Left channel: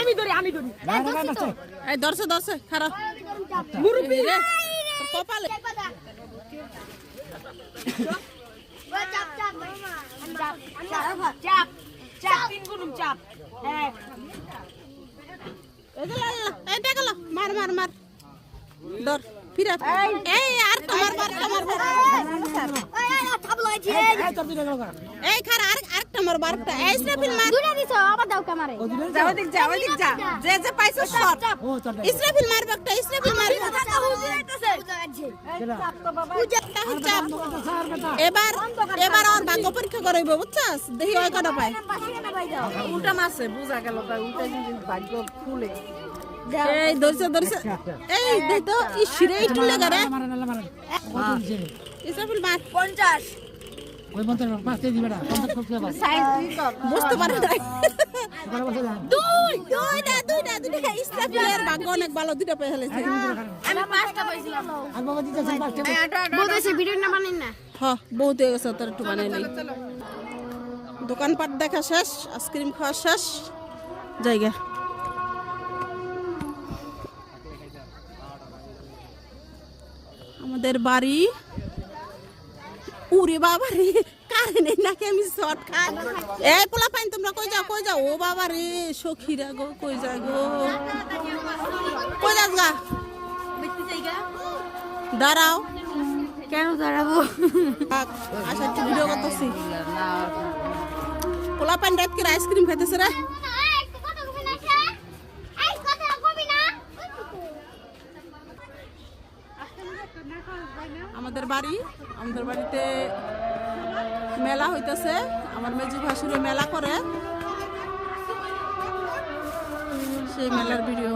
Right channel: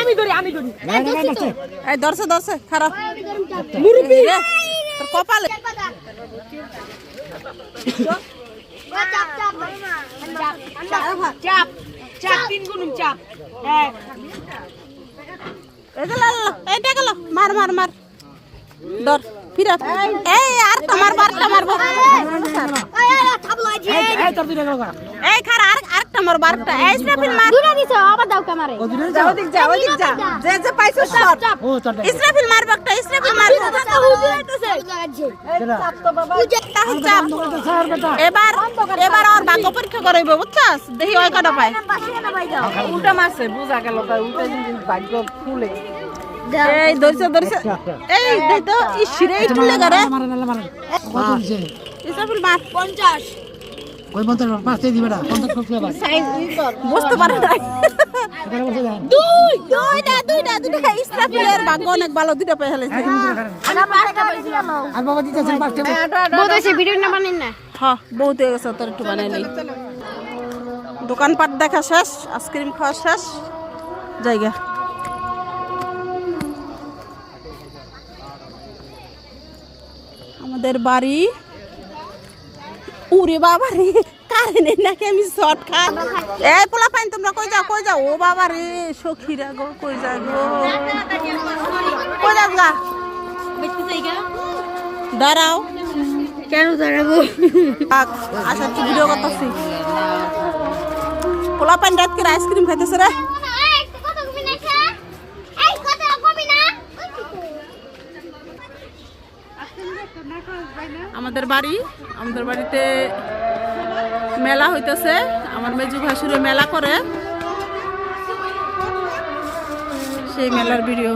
আমি ধরি এই ধরছে খারাপ মুরব্বি তোর কপালে চাপ 3 গুণ চাপ এক এটা গেল মার ধর ফিরাত এই আর তোমার বারটা মারবো এই খারা আরেকটা মার বারটা এই ইসরাফিল মার দুইটা দিছো আবার দাও কামারে ওদিক যা যে পাইছো শট ইসরাফিল মারবে একটা ইসরাফিল মারবে এবার ওর ভাগ্য পরীক্ষা করাইব বুঝছস দেখি ওই কটা পায় উল্টা মারছে বুঝা গেল তাই উল্টা জিনিস ভাগ্য খুলে এই ধরছে এই দেখ তো ইশরে একটু লাগা মারে কত দিছে ইসরাফিল মার 50 ওই 50 পাঁচতে দিবে না 50 কত হবে সাইজ বুঝতে পারো না দুইটা ইসরাফিলের ভাগ্য অনেক ভালো দুইটা পেয়ে ফেলেছে আমি পাঁচটা পাইছিলাম আর বাবা দিতেছেন পাঁচটা বহুত হইছে ভিডিও না বানাই না হ্যাঁ বহুত হয়ে গেছে তোর একটু বানাই নাই দোকানপাট দেখা শেষ আইসক্রিম খাওয়া শেষ জায়গা আমাদের বাড়ি উরে বাবা রে কারেন্ট নাকি আমি শর্ট খাই এই পোলা পাইন তোমরা কই যাও ও বাবা রে সখীরা গো কই যাও গো কই যাস গা দেখতে যাইগা দাঁড়াও কেন দাঁড়াবো আচ্ছা তুই ভিডিও করতেছিস পোলা পাইন রাত করে আইসক্রিম খাইতেছে রে আমাদের বাড়িতে মেলা হইতেছে আমার মেজু ভাসুরে মেলা করে সেই মেলার ভিডিও